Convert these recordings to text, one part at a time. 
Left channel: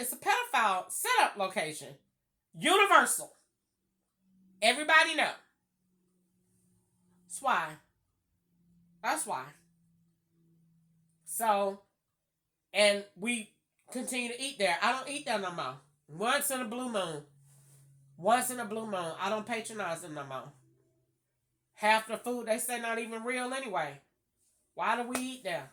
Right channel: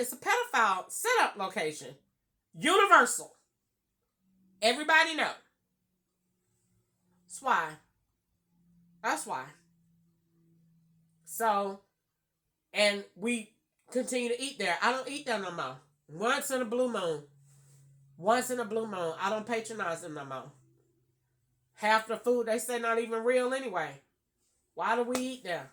it's a pedophile setup location. Universal. Everybody know. That's why. That's why. So, and we continue to eat there. I don't eat there no more. Once in a blue moon. Once in a blue moon. I don't patronize them no more. Half the food they say not even real anyway. Why do we eat there?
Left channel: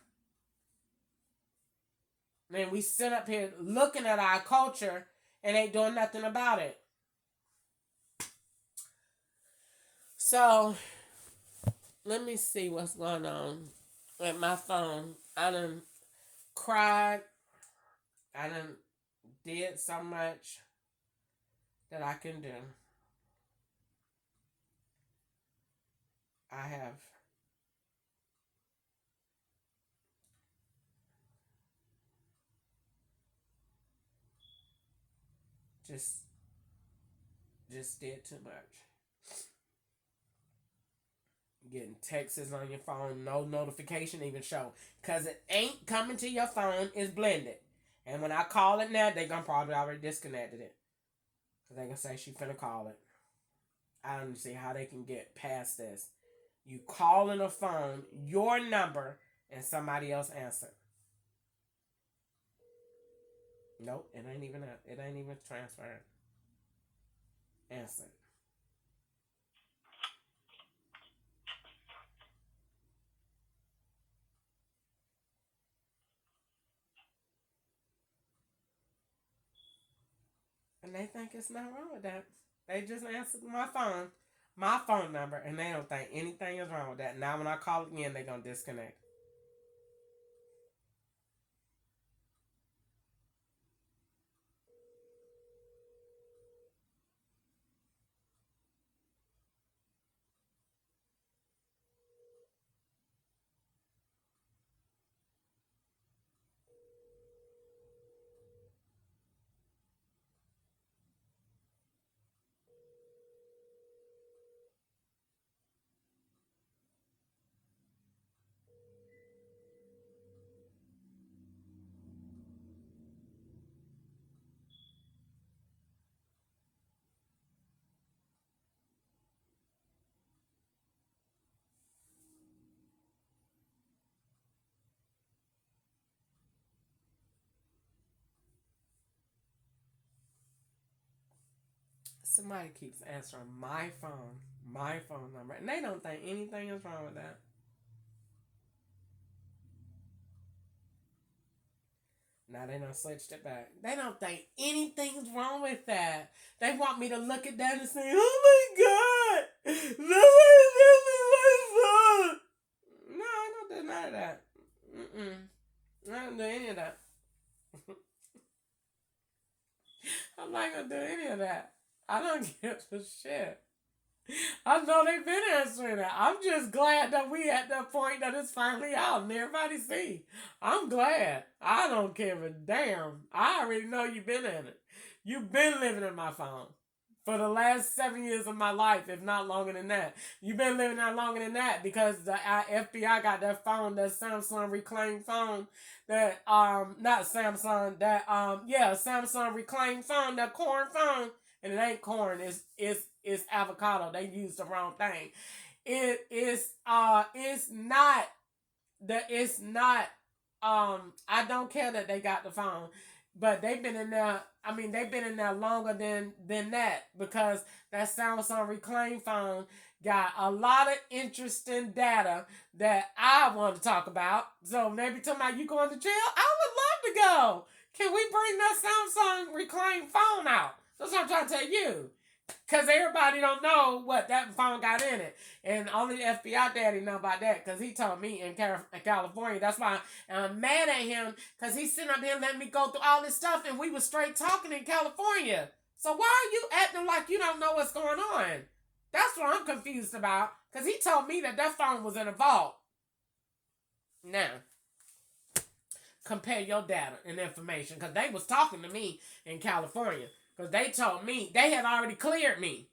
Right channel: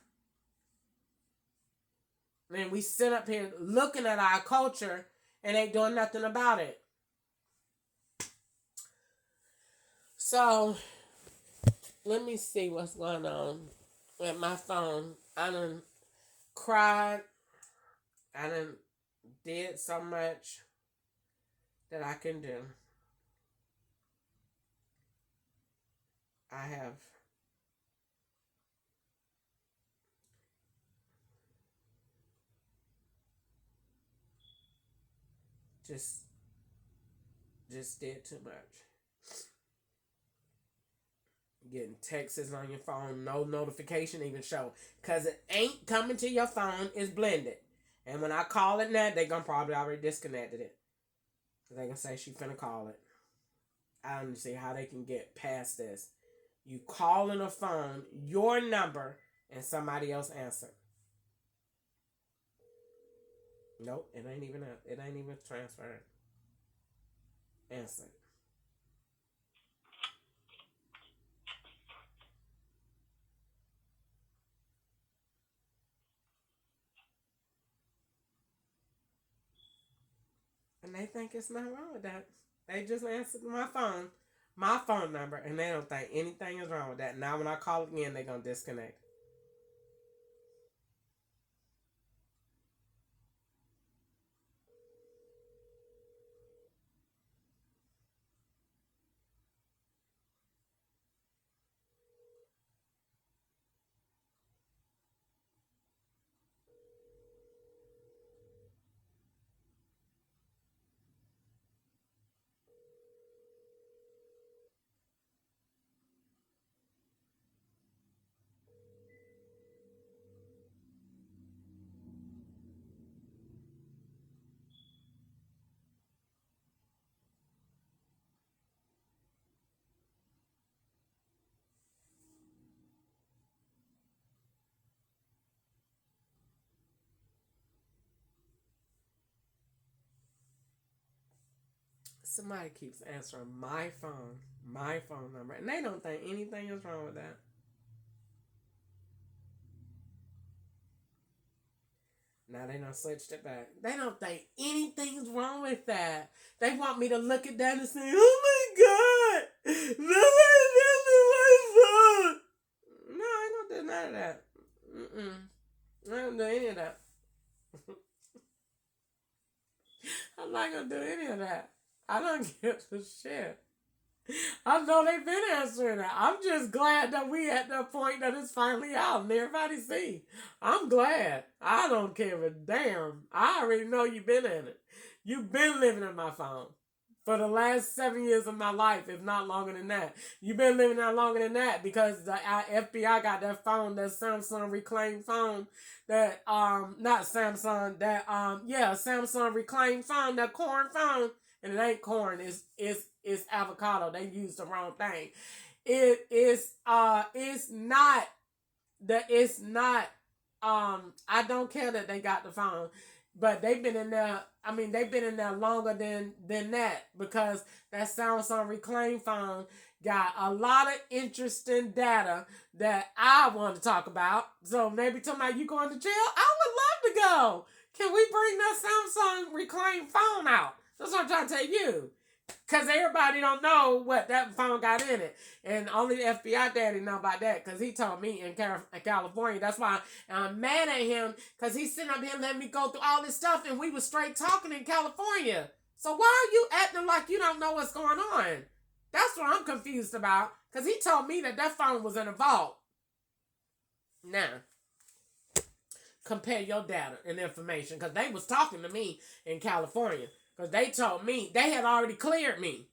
And we sit up here looking at our culture and ain't doing nothing about it. So, let me see what's going on with my phone. I done cried. I done did so much that I can do. I have just did too much. Getting texts on your phone, no notification even show. Because it ain't coming to your phone, it's blended. And when I call it now, they gonna probably already disconnected it. They gonna say she finna call it. I don't see how they can get past this. You call in a phone, your number, and somebody else answer. Nope, it ain't even transferred. Answer. And they think it's nothing wrong with that. They just answered my phone number, and they don't think anything is wrong with that. Now when I call again, they're gonna disconnect. Somebody keeps answering my phone number, and they don't think anything is wrong with that. Now they done switched it back. They don't think anything's wrong with that. They want me to look at that and say, "Oh my God, nobody's answering my phone." No, I ain't gonna do none of that. I don't do any of that. I'm not gonna do any of that. I don't give a shit. I know they've been answering that. I'm just glad that we at that point that it's finally out and everybody see. I'm glad. I don't care a damn. I already know you've been in it. You've been living in my phone for the last 7 years of my life, if not longer than that. You've been living that longer than that because the FBI got that phone, that Samsung reclaimed phone, that not Samsung, that Samsung reclaimed phone, that corn phone, and it ain't corn, it's avocado. They used the wrong thing. It's not I don't care that they got the phone, but they've been in there. I mean, they've been in there longer than that because that Samsung reclaimed phone got a lot of interesting data that I want to talk about. So maybe somebody you going to jail? I would love to go. Can we bring that Samsung reclaimed phone out? That's what I'm trying to tell you. Because everybody don't know what that phone got in it. And only the FBI daddy know about that because he told me in California. That's why I'm mad at him because he's sitting up here letting me go through all this stuff and we were straight talking in California. So why are you acting like you don't know what's going on? That's what I'm confused about because he told me that phone was in a vault. Now, compare your data and information because they was talking to me in California. Because they told me, they had already cleared me.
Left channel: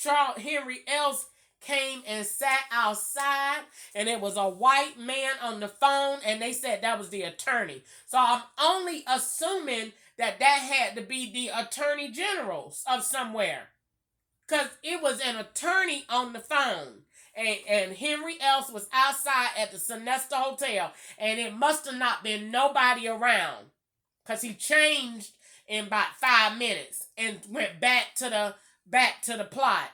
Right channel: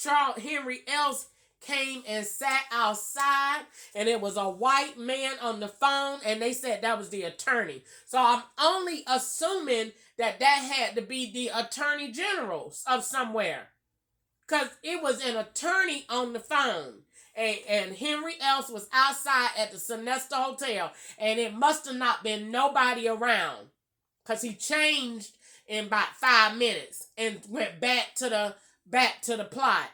Charles Henry Else came and sat outside, and it was a white man on the phone, and they said that was the attorney. So I'm only assuming that had to be the attorney general of somewhere. Because it was an attorney on the phone. And Henry Else was outside at the Sonesta Hotel. And it must have not been nobody around. Because he changed in about 5 minutes and went back to the plot.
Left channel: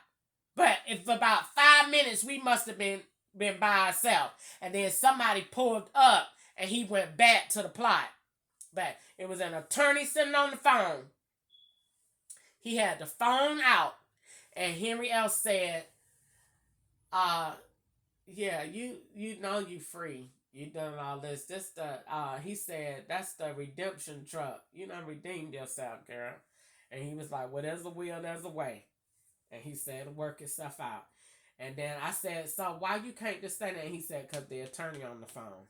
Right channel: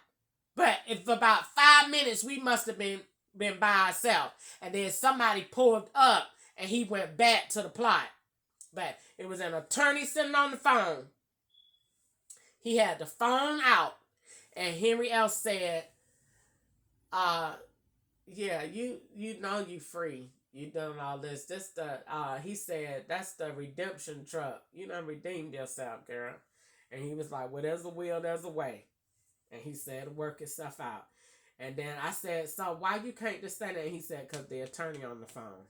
But if about 5 minutes, we must have been by ourselves. And then somebody pulled up and he went back to the plot. But it was an attorney sitting on the phone. He had the phone out. And Henry Else said, yeah, you know you free. You done all this. He said, that's the redemption truck. You done redeemed yourself, girl. And he was like, well, there's a will, there's a way. And he said, it'll work itself out. And then I said, so why you can't just say that? And he said, because the attorney on the phone.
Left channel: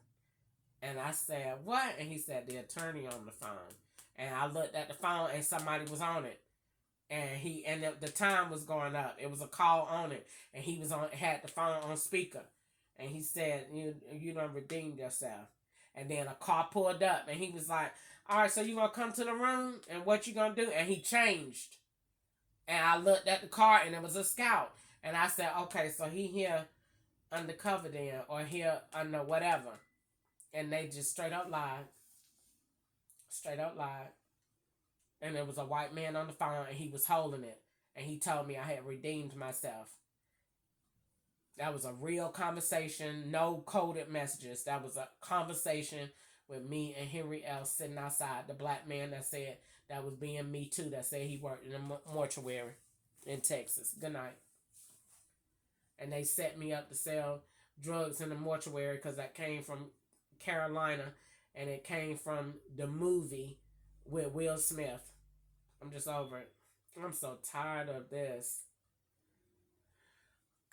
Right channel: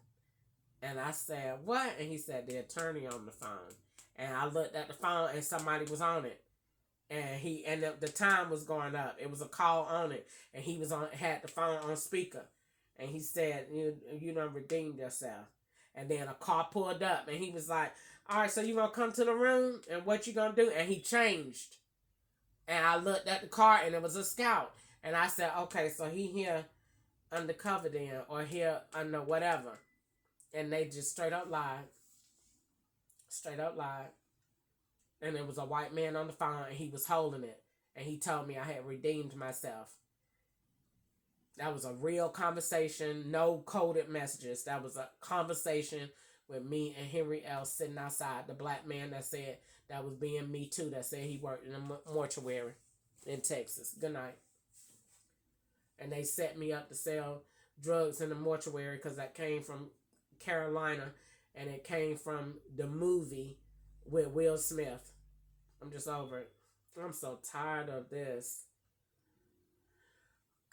And I said, what? And he said, the attorney on the phone. And I looked at the phone and somebody was on it. And the time was going up. It was a call on it. And he had the phone on speaker. And he said, you done redeemed yourself. And then a car pulled up and he was like, all right, so you gonna come to the room and what you gonna do? And he changed. And I looked at the car and it was a Scout. And I said, okay, so he here undercover then, or here under whatever. And they just straight up lied. And there was a white man on the phone and he was holding it. And he told me I had redeemed myself. That was a real conversation, no coded messages. That was a conversation with me and Henry Else sitting outside. The black man that said that was being Me Too, that said he worked in a mortuary in Texas. Good night. And they set me up to sell drugs in the mortuary because that came from Carolina and it came from the movie with Will Smith. I'm just over it. I'm so tired of this.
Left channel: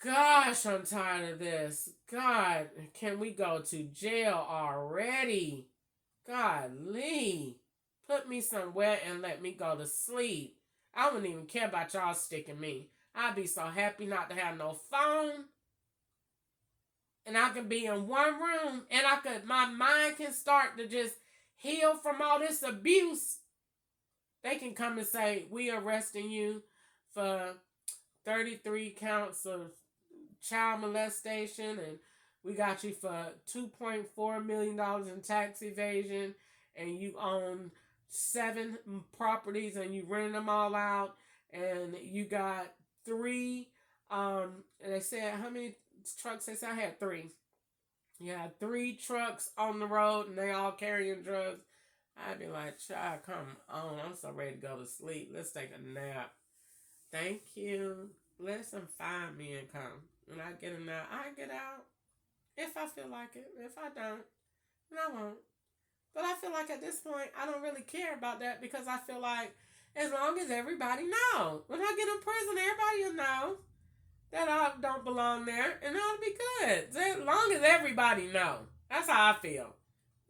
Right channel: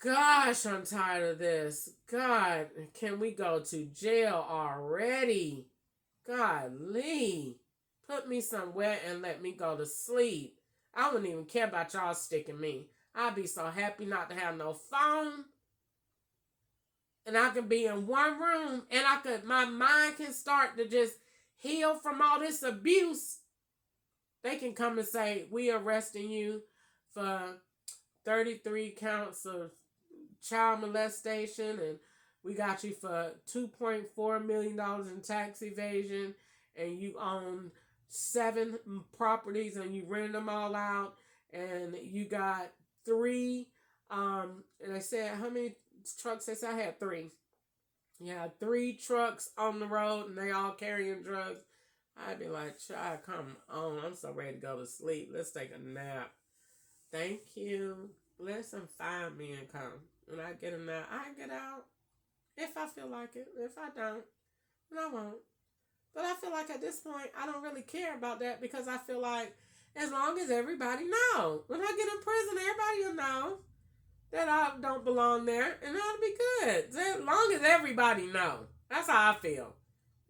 Gosh, I'm tired of this. God, can we go to jail already? Golly. Put me somewhere and let me go to sleep. I wouldn't even care about y'all sticking me. I'd be so happy not to have no phone. And I can be in one room and my mind can start to just heal from all this abuse. They can come and say, we arresting you for 33 counts of child molestation and we got you for $2.4 million in tax evasion and you own 7 properties and you rent them all out and you got 3 and they said how many trucks? They said I had 3. You had 3 trucks on the road and they all carrying drugs. I'd be like, child, come on. I'm so ready to go to sleep. Let's take a nap. Thank you. Let some fine men come. When I get a nap, I get out. If I feel like it. If I don't, then I won't. But I feel like at this point, I don't really care about that because I feel like as long as everybody knows. When I get in prison, everybody will know that I don't belong there. And that'll be good. As long as everybody know. That's how I feel.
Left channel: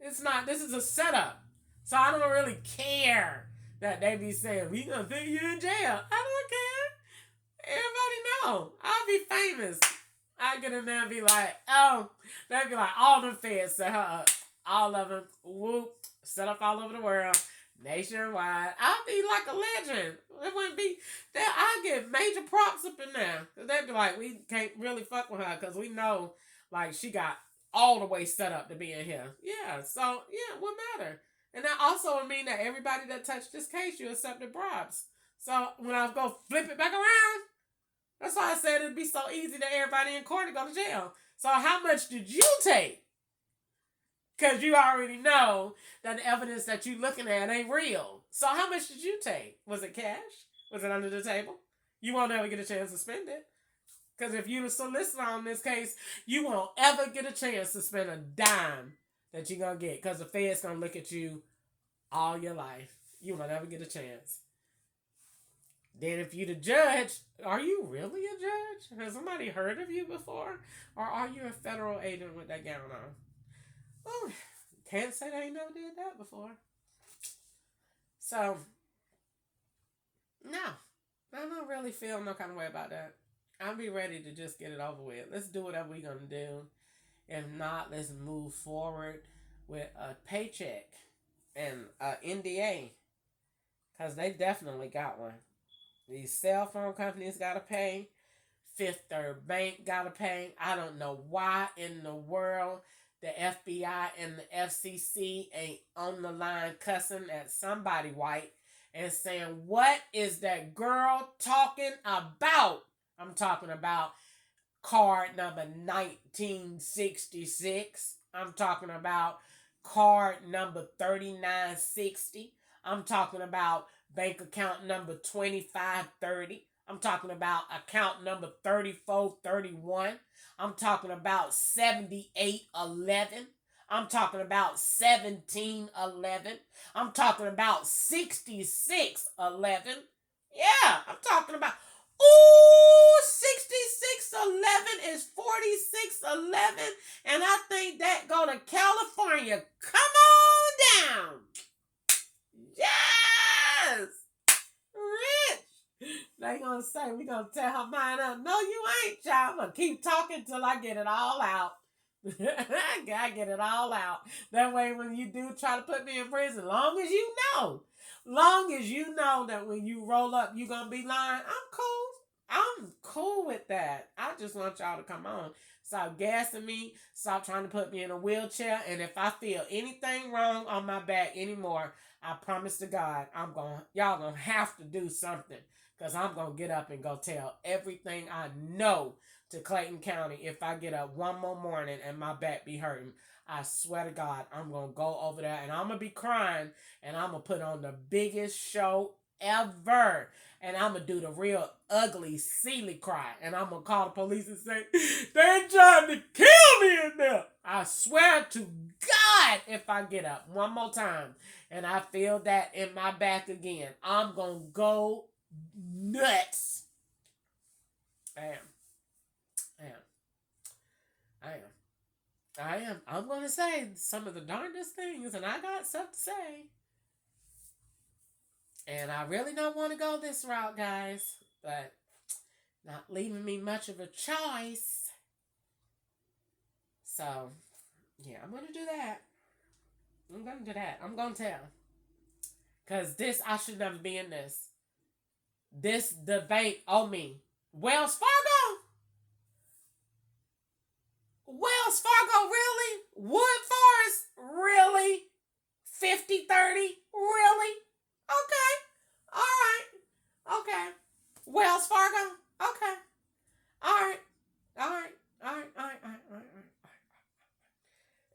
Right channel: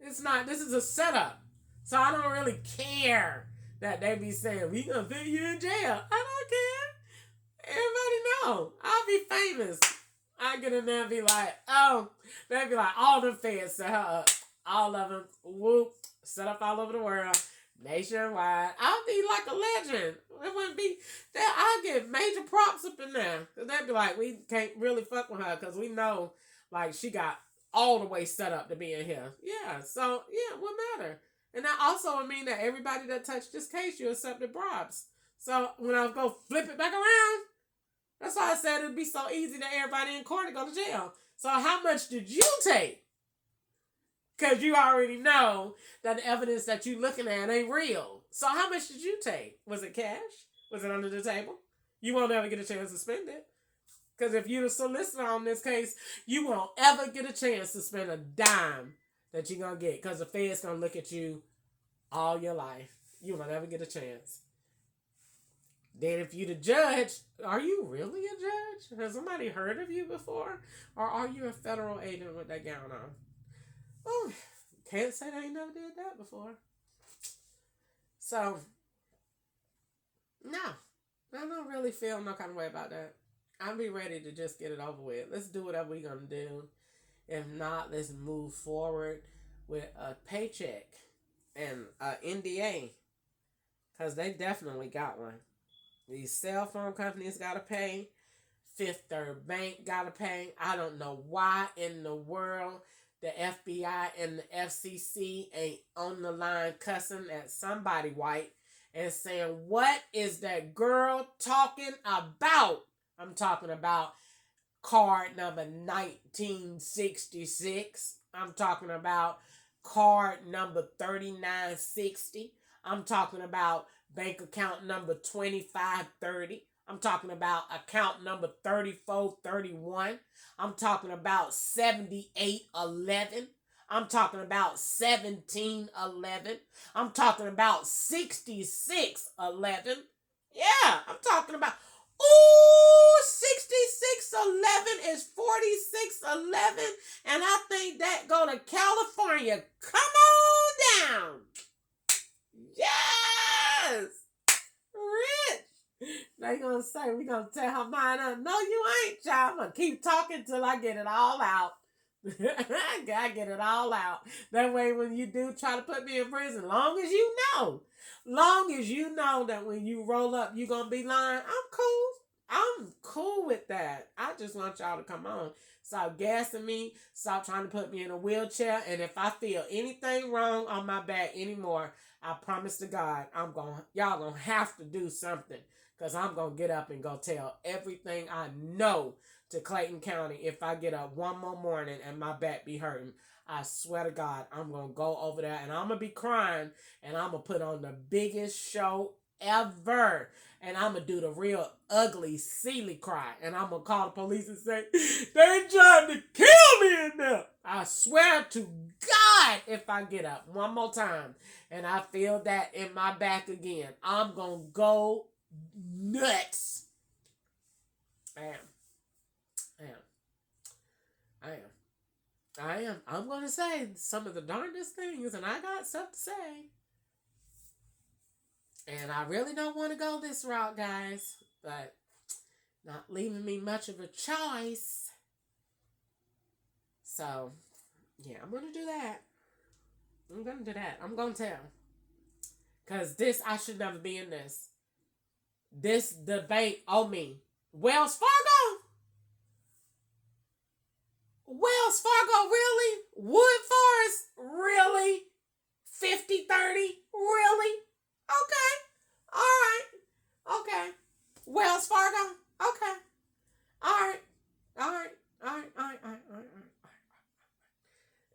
It's not, this is a setup. So I don't really care that they be saying, we gonna put you in jail. I don't care. Everybody know. I'll be famous. I get in there and be like, oh, they'd be like, all the feds set her up. All of them, whoop, set up all over the world, nationwide. I'll be like a legend. It wouldn't be that I get major props up in there. They'd be like, we can't really fuck with her because we know, like, she got all the way set up to be in here. Yeah, so, yeah, what matter? And that also would mean that everybody that touched this case, you accepted bribes. So when I go flip it back around, that's why I said it'd be so easy that everybody in court to go to jail. So how much did you take? Because you already know that the evidence that you're looking at ain't real. So how much did you take? Was it cash? Was it under the table? You won't ever get a chance to spend it. Because if you're a solicitor on this case, you won't ever get a chance to spend a dime that you're going to get. Because the Fed's going to look at you all your life. You won't ever get a chance. Then if you're the judge, are you really a judge? Has somebody heard of you before? Or are you a federal agent with that gown on? Oh, can't say they ain't never did that before. So, no. I don't really feel no kind of way about that. I'll be ready to just get it over with. Let's do whatever we're going to do. If not, let's move forward with a paycheck and an NDA. Because they definitely got one. These cell phone companies got to pay. Fifth Third Bank got to pay. I don't know why in the world the FBI and the FCC ain't on the line cussing at somebody white and saying, what is that girl talking about? I'm talking about card number 1966. I'm talking about card number 3960. I'm talking about bank account number 2530. I'm talking about account number 3431. I'm talking about 7811. I'm talking about 1711. I'm talking about 6611. Yeah, I'm talking about. Ooh, 6611 is 4611. And I think that go to California. Come on down. Yes. Rich. They gonna say, we gonna tell her mine up. No, you ain't, child. I'm gonna keep talking till I get it all out. Gotta get it all out. That way when you do try to put me in prison, long as you know that when you roll up, you gonna be lying, I'm cool. I'm cool with that. I just want y'all to come on. Stop gassing me. Stop trying to put me in a wheelchair. And if I feel anything wrong on my back anymore, I promise to God, y'all gonna have to do something. Because I'm gonna get up and go tell everything I know to Clayton County if I get up one more morning and my back be hurting. I swear to God, I'm going to go over there and I'm going to be crying and I'm going to put on the biggest show ever. And I'm going to do the real ugly, silly cry. And I'm going to call the police and say, they're trying to kill me in there. I swear to God, if I get up one more time and I feel that in my back again, I'm going to go nuts. I am. I'm going to say some of the darndest things, and I got stuff to say. And I really don't want to go this route, guys, but not leaving me much of a choice. So, yeah, I'm going to do that. I'm going to tell. Because I should never be in this. This debate on me. Wells Fargo? Wells Fargo, really? Wood Forest, really? 50-30, really? Okay. All right. Okay. Wells Fargo? Okay. All right.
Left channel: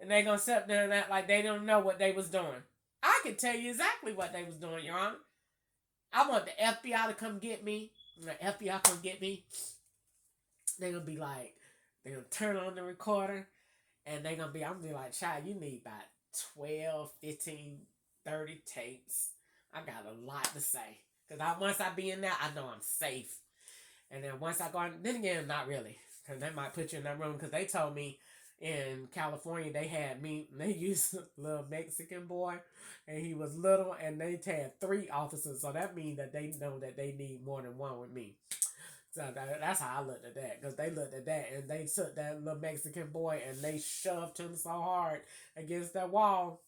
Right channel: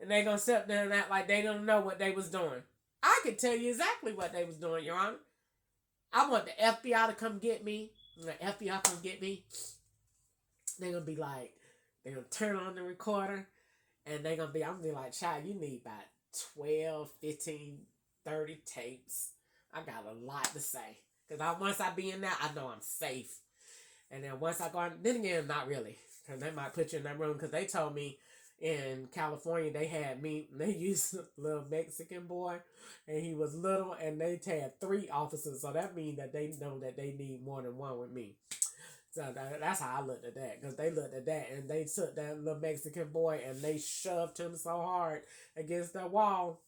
And they gonna sit there and act like they don't know what they was doing. I can tell you exactly what they was doing, Your Honor. I want the FBI to come get me. The FBI come get me. They're gonna be like, they're gonna turn on the recorder and I'm gonna be like, child, you need about 12, 15, 30 tapes. I got a lot to say. Because once I be in there, I know I'm safe. And then once I go on, then again, not really. Because they might put you in that room. Because they told me in California, they used a little Mexican boy. And he was little. And they had 3 officers. So that means that they know that they need more than one with me. So that's how I looked at that. Because they looked at that and they took that little Mexican boy and they shoved him so hard against that wall.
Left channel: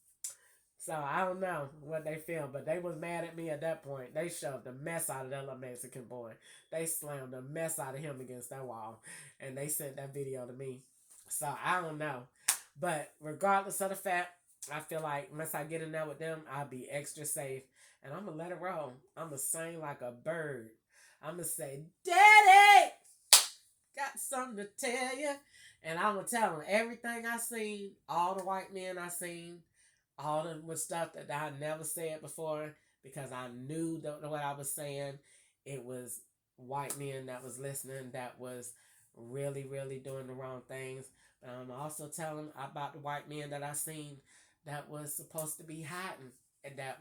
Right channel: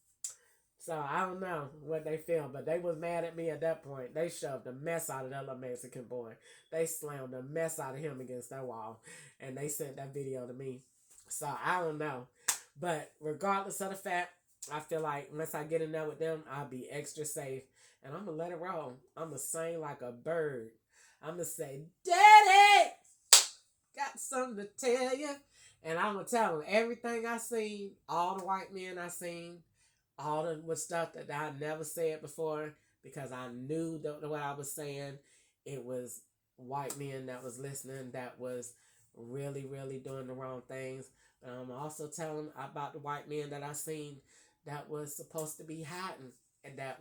So I don't know what they feel, but they was mad at me at that point. They shoved the mess out of that little Mexican boy. They slammed the mess out of him against that wall. And they sent that video to me. So I don't know. But regardless of the fact, I feel like once I get in there with them, I'll be extra safe. And I'm going to let it roll. I'm going to sing like a bird. I'm going to say, Daddy, got something to tell you. And I'm going to tell them everything I seen, all the white men I seen, all the stuff that I never said before, because I knew what I was saying. It was white men that was listening that was really, really doing the wrong things. But I'm also telling about the white men that I seen that was supposed to be hiding, and that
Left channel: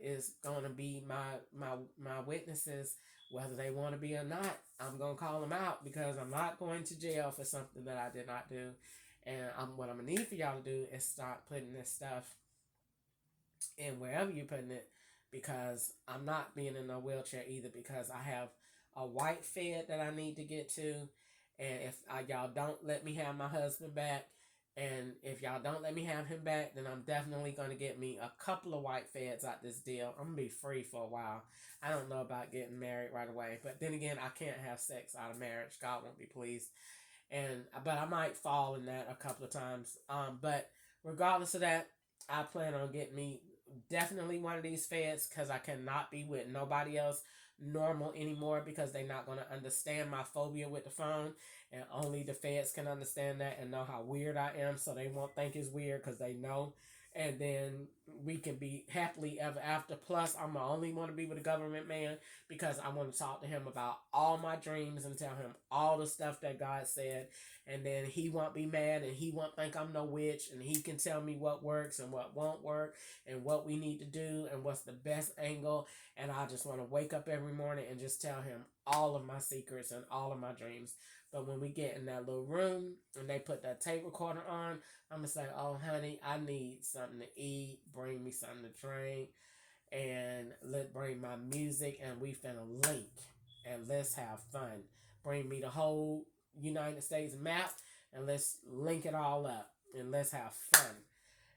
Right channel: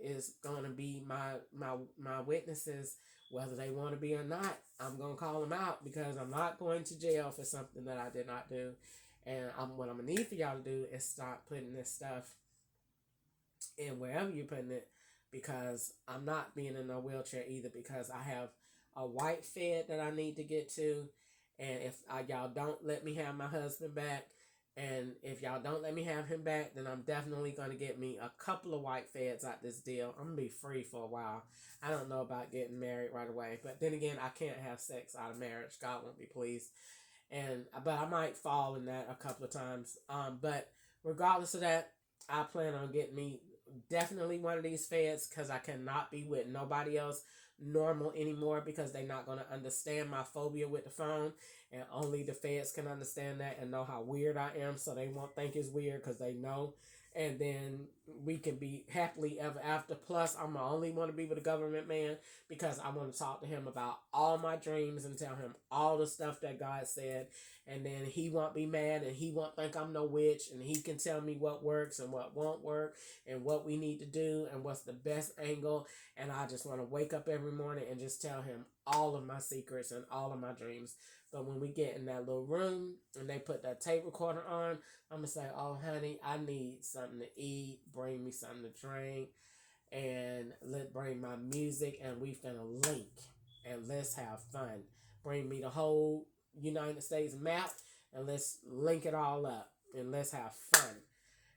is going to be my witnesses, whether they want to be or not. I'm going to call them out because I'm not going to jail for something that I did not do. And what I'm going to need for y'all to do is start putting this stuff in wherever you're putting it, because I'm not being in a wheelchair either, because I have a white Fed that I need to get to. And if y'all don't let me have my husband back, And if y'all don't let me have him back, then I'm definitely going to get me a couple of white feds out this deal. I'm going to be free for a while. I don't know about getting married right away. But then again, I can't have sex out of marriage. God won't be pleased. But I might fall in that a couple of times. But regardless of that, I plan on getting me definitely one of these feds, because I cannot be with nobody else normal anymore, because they're not going to understand my phobia with the phone, and only the feds can understand that and know how weird I am, so they won't think it's weird because they know. And then we can be happily ever after. Plus, I'm the only want to be with a government man, because I want to talk to him about all my dreams and tell him all the stuff that God said. And then he won't be mad, and he won't think I'm no witch, and he can tell me what works and what won't work and what we need to do and what's the best angle. And I just want to wake up every morning and just tell him all of my secrets and all of my dreams. But when we get in that little room and they put that tape recorder on, I'm going to say, oh, honey, I need something to eat. Bring me something to drink. And bring my music, and we finna link. And let's have fun. Bring me the whole United States map, and let's link it all up. And let's have fun.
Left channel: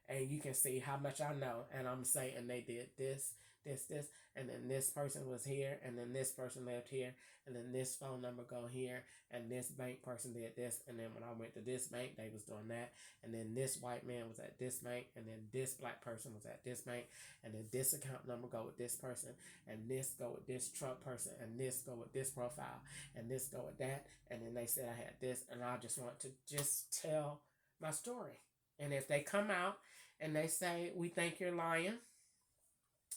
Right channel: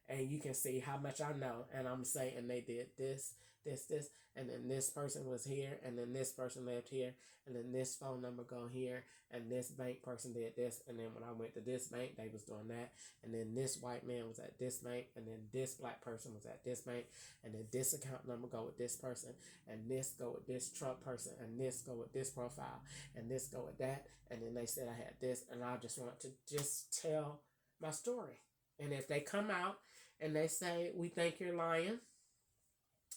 And you can see how much I know. And I'm saying they did this, this, and then this person was here, and then this person lived here, and then this phone number go here, and this bank person did this, and then when I went to this bank, they was doing that, and then this white man was at this bank, and then this black person was at this bank, and then this account number go with this person, and this go with this Trump person, and this go with this profile, and this go with that, and then they said I had this, and I just want to just tell my story. And if they come out and they say, we think you're lying,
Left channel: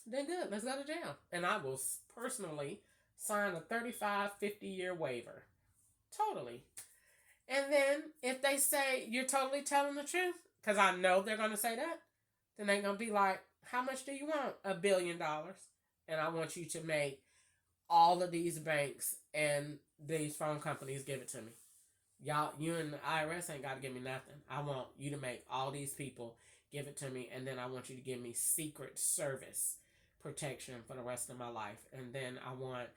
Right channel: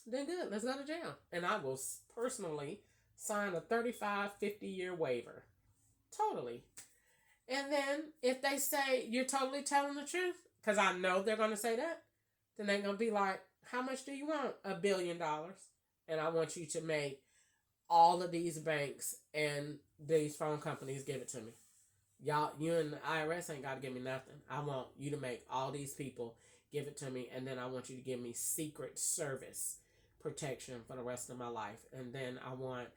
then good, let's go to jail. And I will personally sign a 35, 50-year waiver. Totally. And then if they say you're totally telling the truth, because I know they're going to say that, then they're going to be like, how much do you want? $1 billion. And I want you to make all of these banks and these phone companies give it to me. Y'all, you and the IRS ain't got to give me nothing. I want you to make all these people give it to me, and then I want you to give me Secret Service protection for the rest of my life. And then I want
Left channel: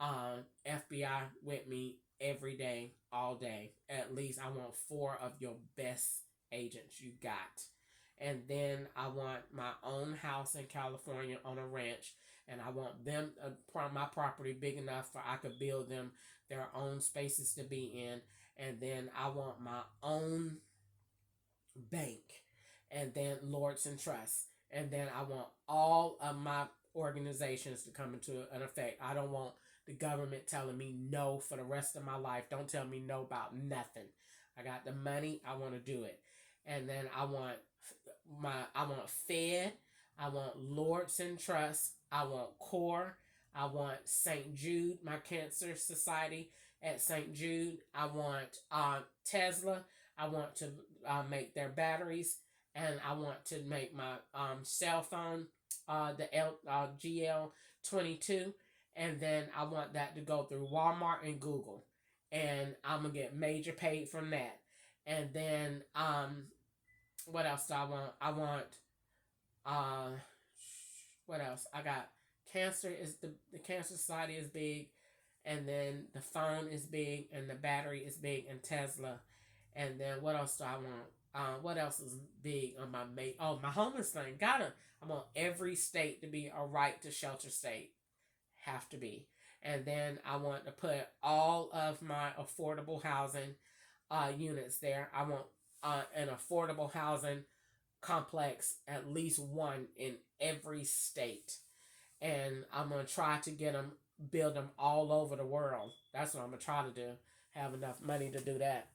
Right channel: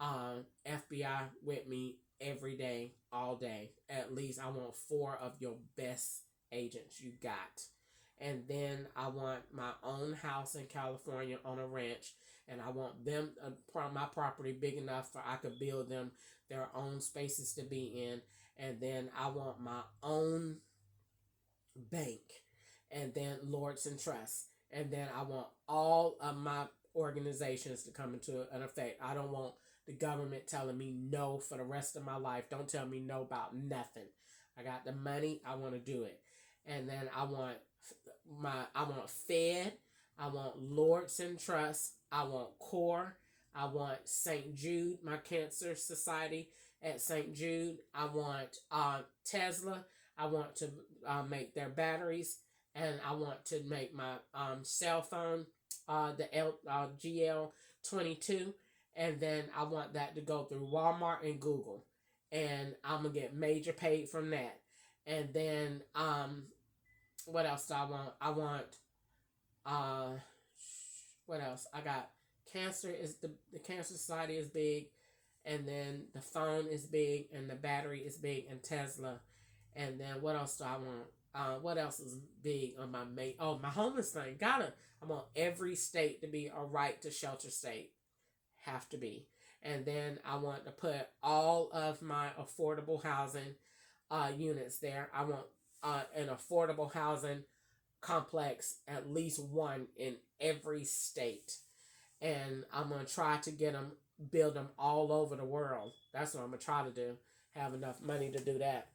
FBI with me every day, all day. At least I want 4 of your best agents you got. And then I want my own house in California on a ranch, and I want them my property big enough for I could build them their own spaces to be in. And then I want my own bank, and then Lords and Trust. And then I want all of my organizations to come into an effect. I don't want the government telling me no for the rest of my life. Don't tell me no about nothing. I got the money. I want to do it. And then I want Fed. I want Lords and Trust. I want CORE. I want St. Jude, my cancer society at St. Jude. I want Tesla. I want to make their batteries, and I want to make my cell phone, the GL22, and then I want that to go through Walmart and Google, and I'm gonna get major paid from that. And then what else do I want? I want what else? I got cancer is the cancer society is big, and then the phone is big, and the battery is big, and Tesla. And then what else do I want? What else is big on my mate? Oh, my homeless thing. I want every state to be a right to shelter state. Have to be. And then I want to put all of my affordable housing units there. I want an affordable housing complex, at least one in every state. And I'm going to try to build them all over the world. That's what I'm going to try to do. Have enough money to do that.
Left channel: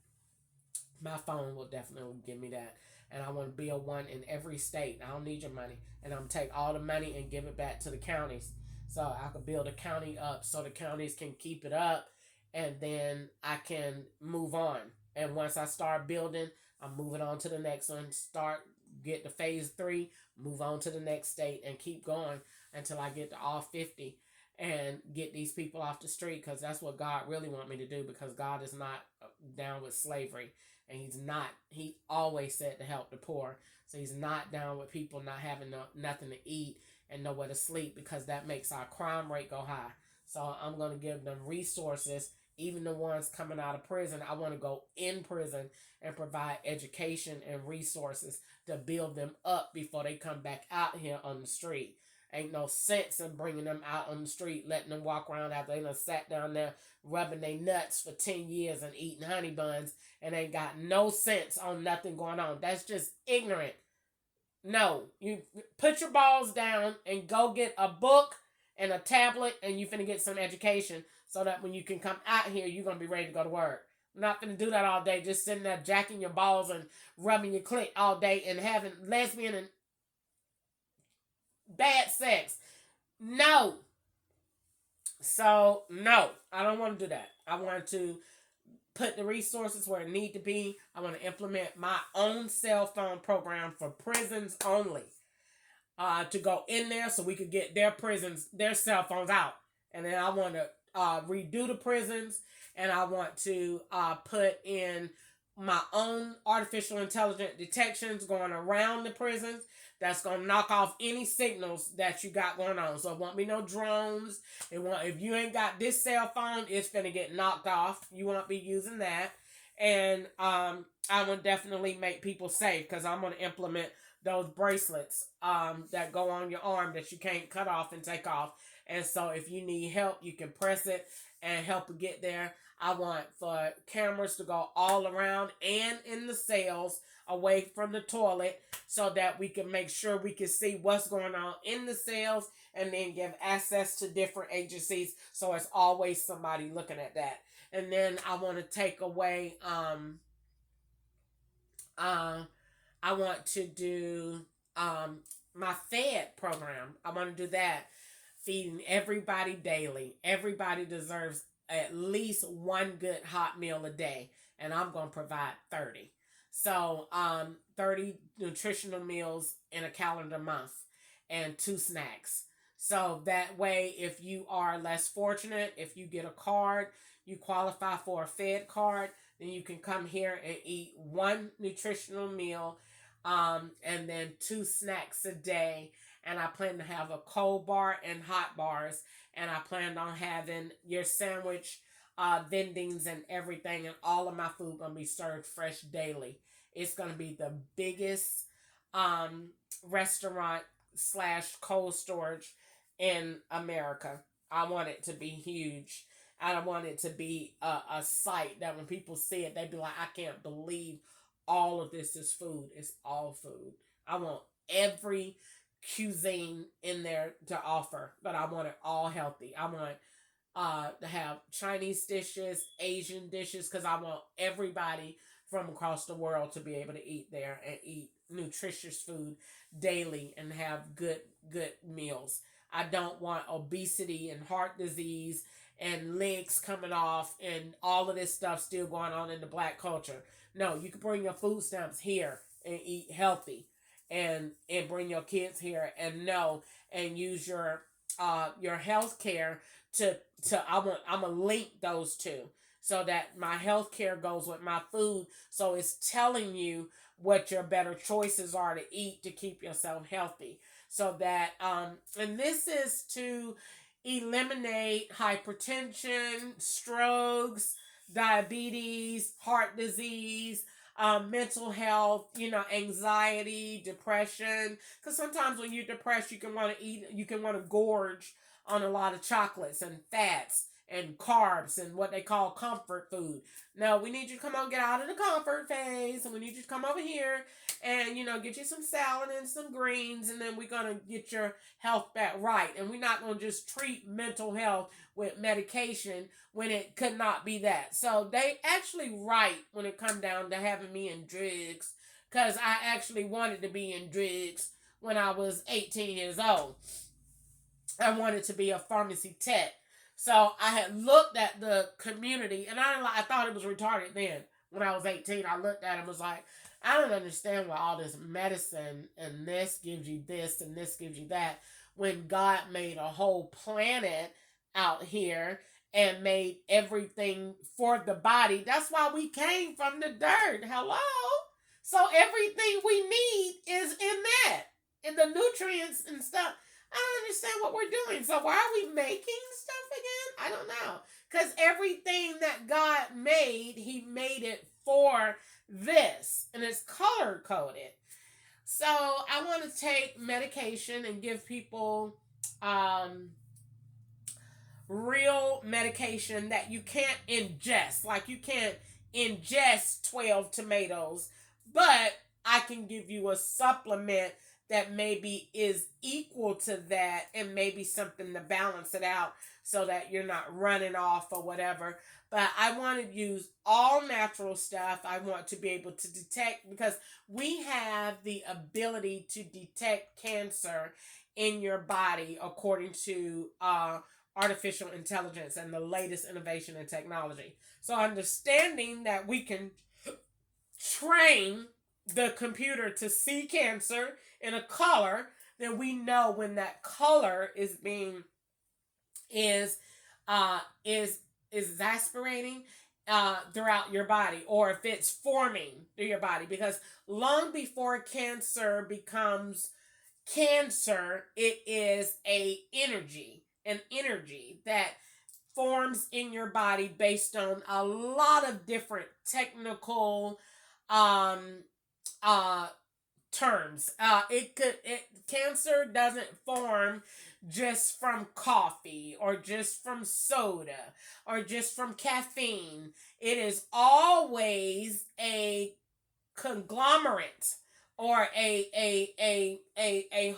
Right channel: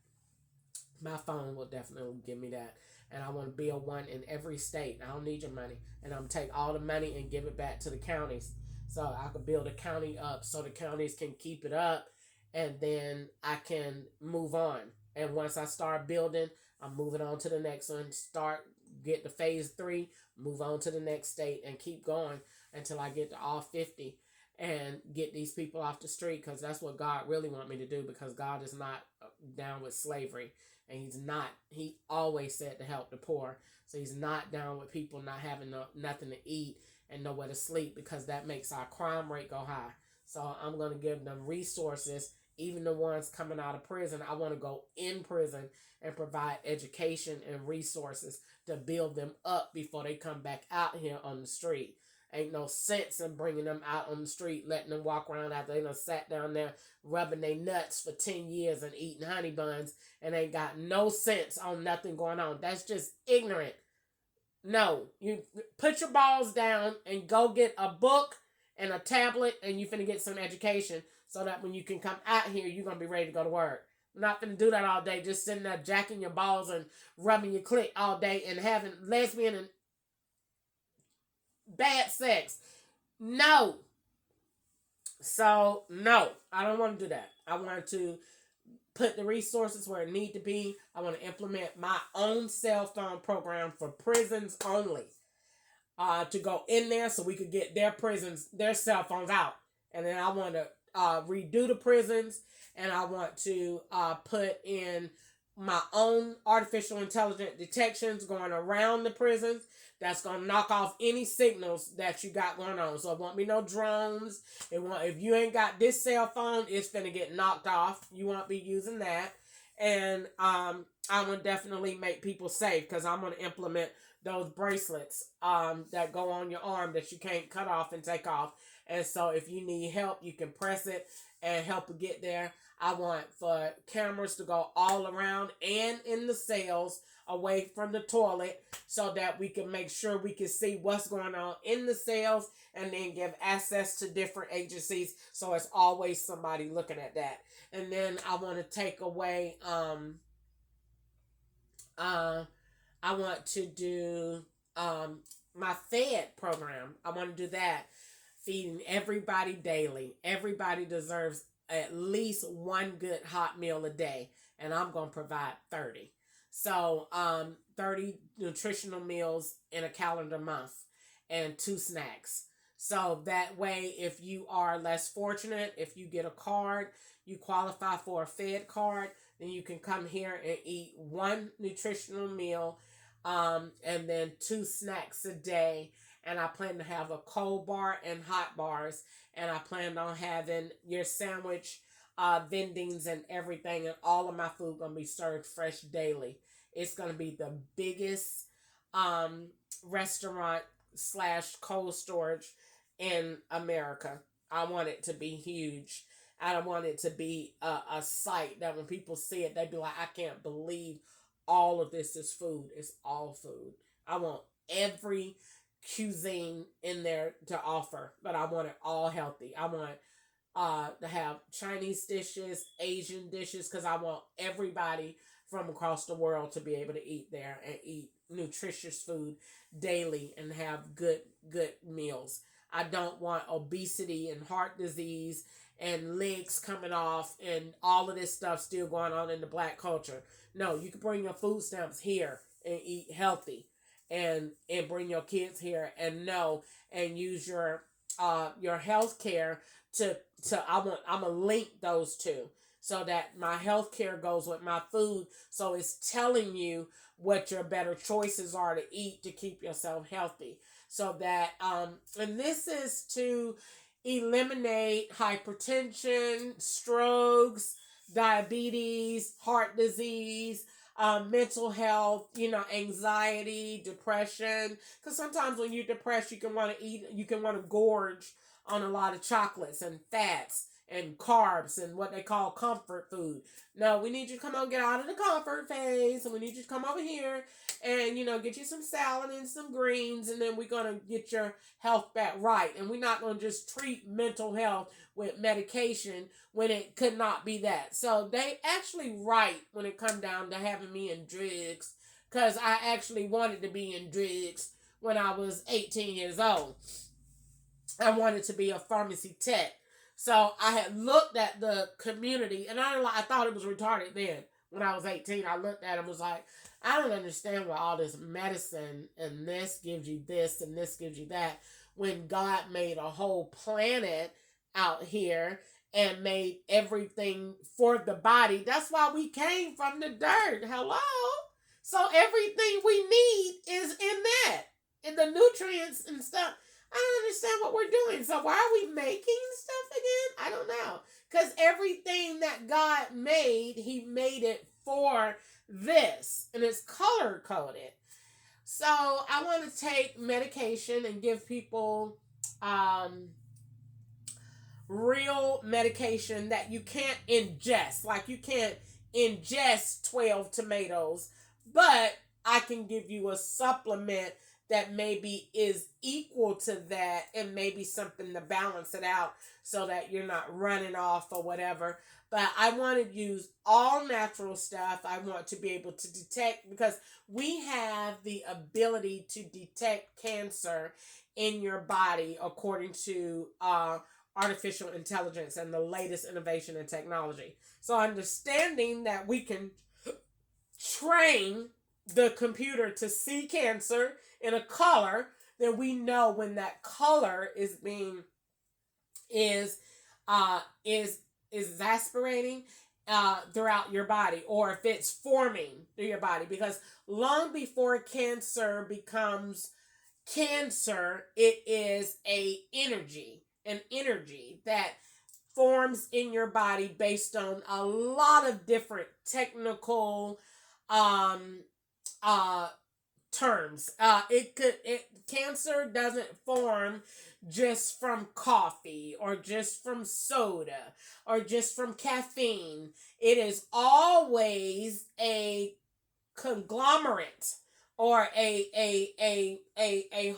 My phone will definitely give me that. And I want to build one in every state. I don't need your money. And I'm going to take all the money and give it back to the counties. So I could build a county up so the counties can keep it up. And then I can move on. And once I start building, I'm moving on to the next one. Get to phase 3, move on to the next state, and keep going until I get to all 50 and get these people off the street, because that's what God really wants me to do, because God is not down with slavery. And he always said to help the poor. So he's not down with people not having nothing to eat and nowhere to sleep, because that makes our crime rate go high. So I'm going to give them resources even the ones coming out of prison. I want to go in prison and provide education and resources to build them up before they come back out here on the street. Ain't no sense in bringing them out on the street, letting them walk around after they done sat down there rubbing their nuts for 10 years and eating honey buns and ain't got no sense on nothing going on. That's just ignorant. No, you put your balls down and go get a book and a tablet and you finna get some education so that when you can come out here, you're gonna be ready to go to work. Not gonna do that all day, just sitting there jacking your balls and rubbing your clit all day and having lesbian and bad sex. No. So, no, I don't want to do that. I want to put the resources where it need to be. I want to implement my own cell phone program for prisons only. To go in there so we could get their cell phones out. And then I want to redo the prisons, and I want to put in my own artificial intelligence detections going around the prisons that's going to knock off any signals that you got going on. So it won't be no drones. If you ain't got this cell phone, it's going to get knocked off. You won't be using that. And I would definitely make people safe because I'm going to implement those bracelets that go on your arm that you can't cut off and take off. And so if you need help, you can press it and help you get there. I want for cameras to go all around and in the cells away from the toilet so that we can make sure we can see what's going on in the cells and then give access to different agencies so it's always somebody looking at that. And then I want to take away I want to do my Fed program. I want to do that. Feeding everybody daily. Everybody deserves at least one good hot meal a day. And I'm going to provide 30. So 30 nutritional meals in a calendar month and 2 snacks. So that way, if you are less fortunate, if you get a card, you qualify for a Fed card, then you can come here and eat 1 nutritional meal and then 2 snacks a day. And I plan to have a cold bar and hot bars. And I plan on having your sandwich vendings and everything. And all of my food going to be served fresh daily. It's going to be the biggest restaurant / cold storage in America. I want it to be huge. I don't want it to be a sight that when people see it, they be like, I can't believe all of this is food. It's all food. I want every cuisine in there to offer, but I want it all healthy. I want to have Chinese dishes, Asian dishes, because I want everybody from across the world to be able to eat there and eat nutritious food daily and have good meals. I don't want obesity and heart disease and legs coming off and all of this stuff still going on in the black culture. No, you can bring your food stamps here and eat healthy and bring your kids here and use your health care to I'm gonna link those two so that my health care goes with my food. So it's telling you what your better choices are to eat to keep yourself healthy. So that and this is to eliminate hypertension, strokes, diabetes, heart disease, mental health, anxiety, depression. Because sometimes when you're depressed, you can want to gorge on a lot of chocolates and fats and carbs and what they call comfort food. No, we need you to come on, get out of the comfort phase, and we need you to come over here and get you some salad and some greens, and then we're gonna get your health back right. And we're not gonna just treat mental health with medication when it could not be that. So they actually right when it come down to having me in drugs, because I actually wanted to be in drugs when I was 18 years old. I wanted to be a pharmacy tech. So I had looked at the community, and I thought it was retarded then. When I was 18, I looked at it and was like, I don't understand why all this medicine and this gives you this and this gives you that, when God made a whole planet out here and made everything for the body. That's why we came from the dirt. Hello? So everything we need is in that. And the nutrients and stuff. I don't understand what we're doing. So why are we making stuff again? I don't know. Because everything that God made, he made it for this, and it's color coded. So I want to take medication and give people um, real medication that you can't ingest. Like you can't ingest 12 tomatoes, but I can give you a supplement that maybe is equal to that and maybe something to balance it out so that you're not running off or whatever. But I want to use all natural stuff. I want to be able to detect, because we have the ability to detect cancer in your body according to artificial intelligence and the latest innovation in technology. So understanding that we can train the computer to see cancer in a color, then we know when that color is being is exasperating throughout your body, or if it's forming through your body. Because long before cancer becomes cancer, it is an energy that forms in your body based on a lot of different technical um uh terms. Cancer doesn't form just from coffee or just from soda or just from caffeine. It is always a conglomerate or a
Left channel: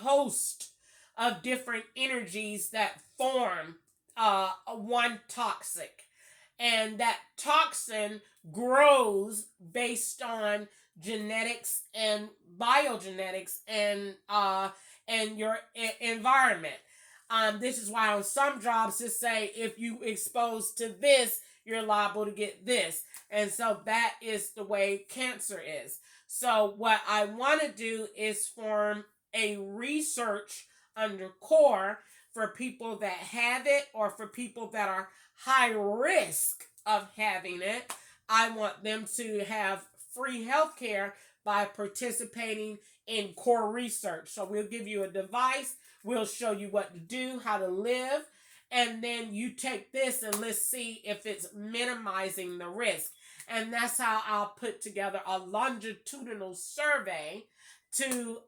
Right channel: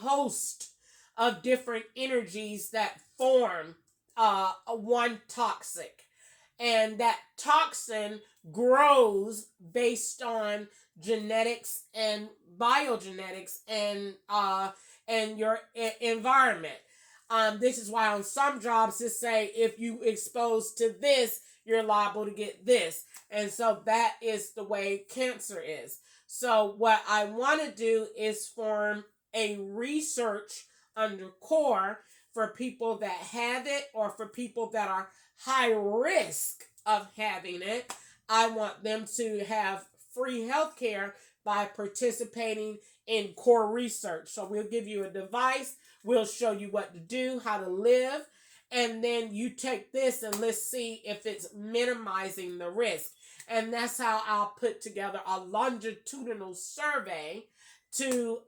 host of different energies that form one toxic, and that toxin grows based on genetics and biogenetics and your environment. This is why on some jobs they say if you expose to this, you're liable to get this. And so that is the way cancer is. So what I want to do is form a research under CORE for people that have it or for people that are high risk of having it. I want them to have free health care by participating in CORE research. So we'll give you a device. We'll show you what to do, how to live, and then you take this and let's see if it's minimizing the risk. And that's how I'll put together a longitudinal survey to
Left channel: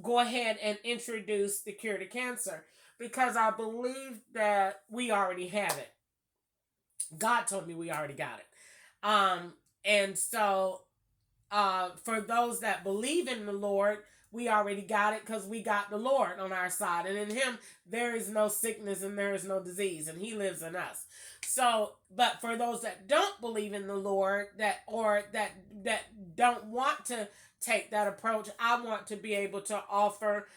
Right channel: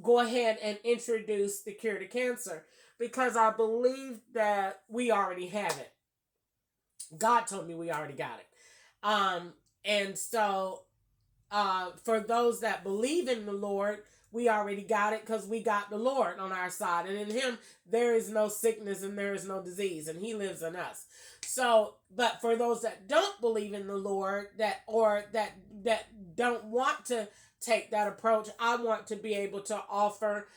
go ahead and introduce the cure to cancer, because I believe that we already have it. God told me we already got it. And so for those that believe in the Lord, we already got it because we got the Lord on our side. And in him, there is no sickness and there is no disease, and he lives in us. So, but for those that don't believe in the Lord, that don't want to take that approach, I want to be able to offer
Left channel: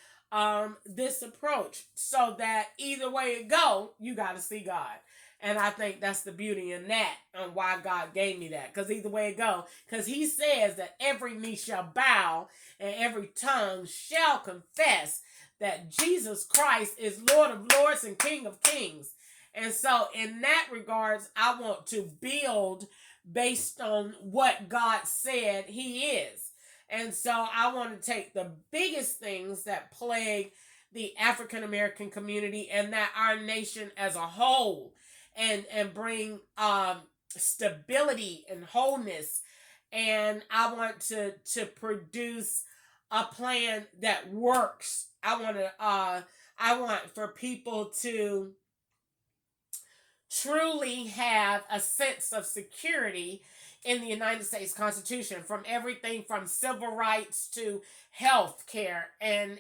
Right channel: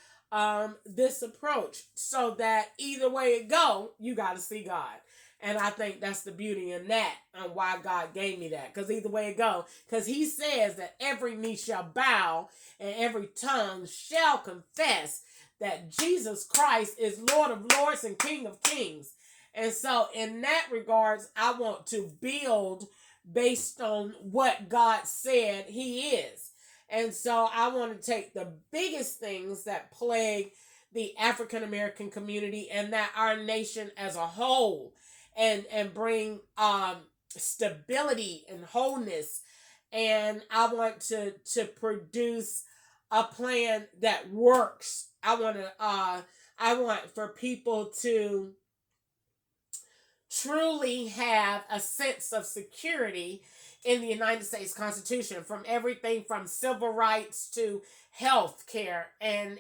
this approach so that either way it go, you got to see God. And I think that's the beauty in that, and why God gave me that. Because either way it go, because he says that every knee shall bow and every tongue shall confess that Jesus Christ is Lord of lords and King of kings. And so in that regards, I want to build based on what God said he is. And so I want to take the biggest things that plague the African American community and that our nation as a whole, and bring stability and wholeness. And I want to produce a plan that works. I want for people to truly have a sense of security in the United States Constitution, from everything from civil rights to health care and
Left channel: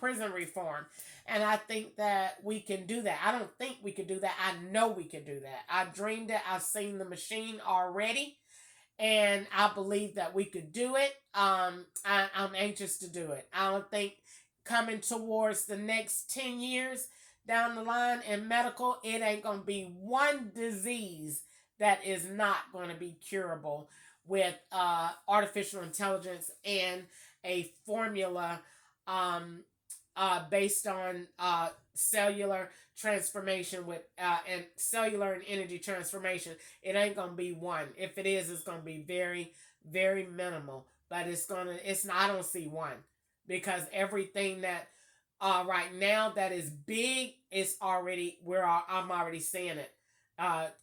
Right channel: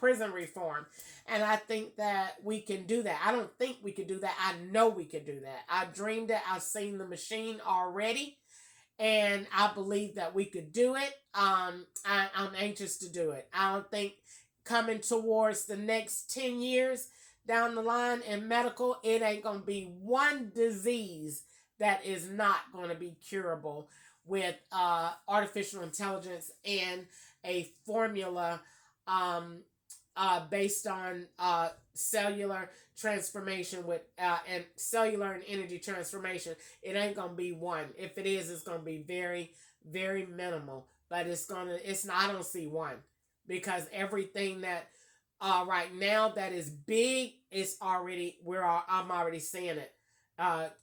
prison reform. And I think that we can do that. I don't think we can do that. I know we can do that. I dreamed it. I've seen the machine already. And I believe that we could do it. I'm anxious to do it. I don't think coming towards the next 10 years down the line in medical, it ain't going to be one disease that is not going to be curable with artificial intelligence and a formula based on cellular transformation with and cellular and energy transformation. It ain't gonna be one. If it is, it's gonna be very, very minimal. But I don't see one, because everything that right now that is big is already I'm already seeing it.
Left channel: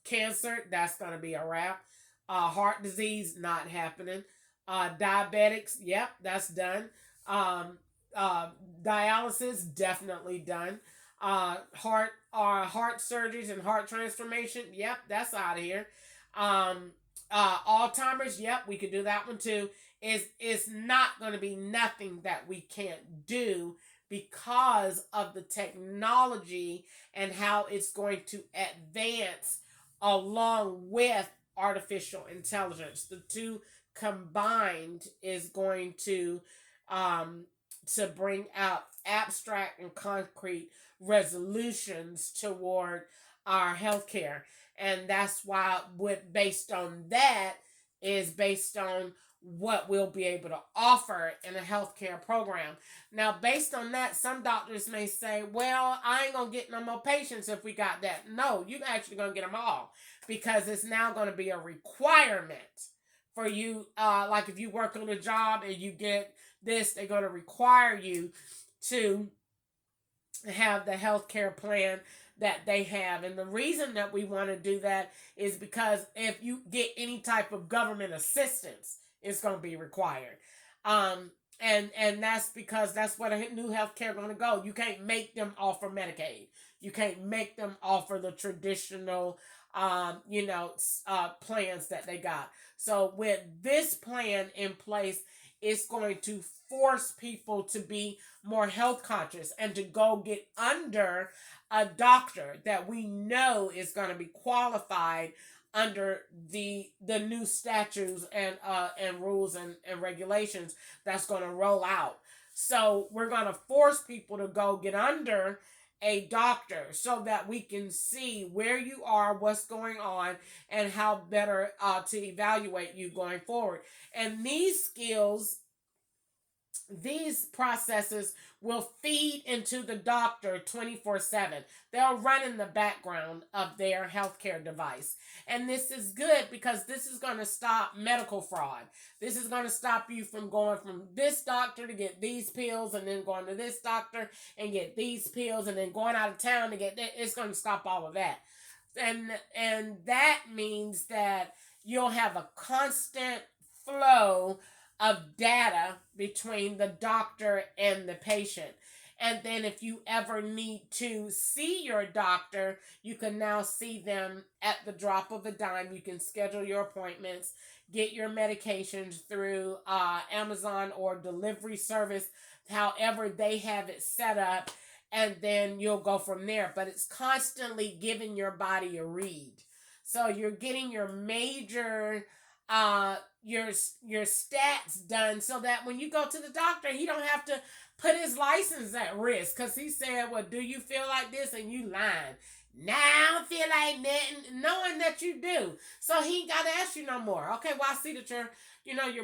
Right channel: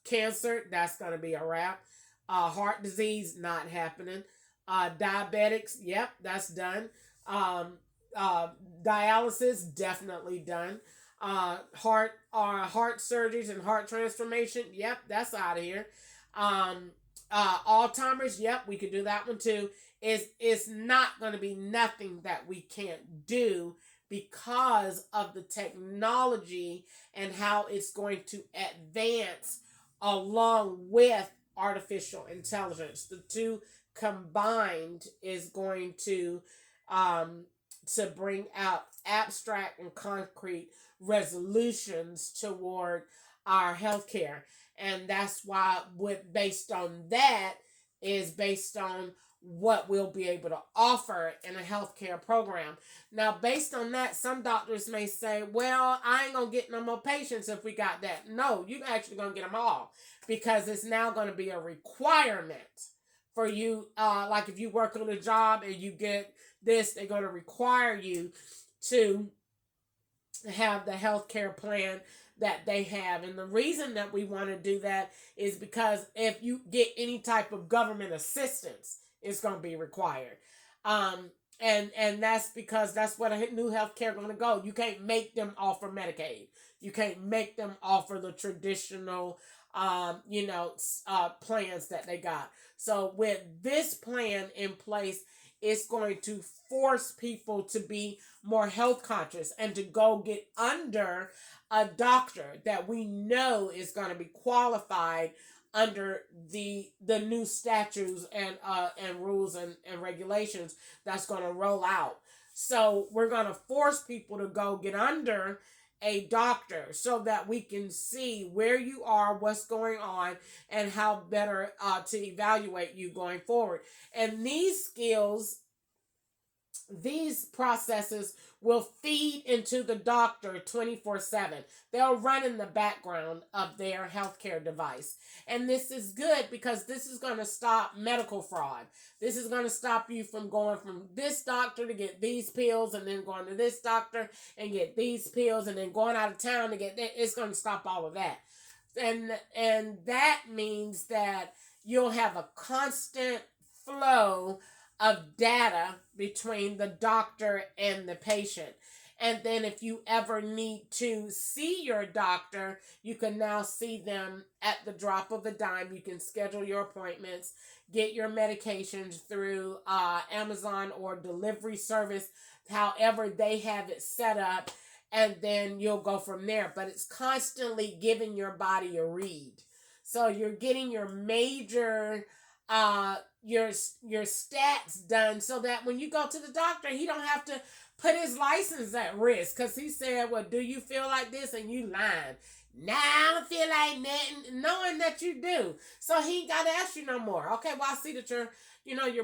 Cancer, that's going to be a wrap. Heart disease, not happening. Diabetics, yep, that's done. Um, Dialysis, definitely done. Heart surgeries and heart transformation, yep, that's out of here. Um, Alzheimer's, yep, we could do that one too. It's not going to be nothing that we can't do because of the technology and how it's going to advance along with artificial intelligence. The two combined is going um, to bring out abstract and concrete resolutions toward our healthcare. And that's why what based on that is based on what we'll be able to offer in a healthcare program. Now, based on that, some doctors may say, well, I ain't gonna get no more patients if we got that. No, you actually gonna get them all because it's now gonna be a requirement for you. Like if you work on a job and you get this, they're gonna require you to have the healthcare plan that they have. And the reason that we want to do that is because if you get any type of government assistance, it's going to be required. Um, and that's because that's where the new healthcare going to go. You can't make them offer Medicaid. You can't make them offer the traditional, plans that they got. So with this plan in place, it's going to force people to be more health conscious and to go get under a doctor that we know is going to be qualified under the new statutes and rules and regulations that's going to roll out. So we're going to force people to go get under a doctor so that we can see where you are, what's going on, and how better to evaluate you going forward. And these skills, these processes will feed into the doctor 24/7. They'll run in the background of their healthcare device. And this is good because this is going to stop medical fraud. This is going to stop you from going from this doctor to get these pills and then going to this doctor and get these pills and then going out of town to get that. It's going to stop all of that. And that means that you'll have a constant flow of data between the doctor and the patient. And then if you ever need to see your doctor, you can now see them at the drop of a dime. You can schedule your appointments, get your medications through Amazon or delivery service, however they have it set up, and then you'll go from there. But it's constantly giving your body a read. So you're getting your major your stats done so that when you go to the doctor, he don't have to put his license at risk because he said, well, do you feel like this? And you lying. Nah, I don't feel like that, knowing that you do. So he ain't got to ask you no more. Okay, well, I see that you're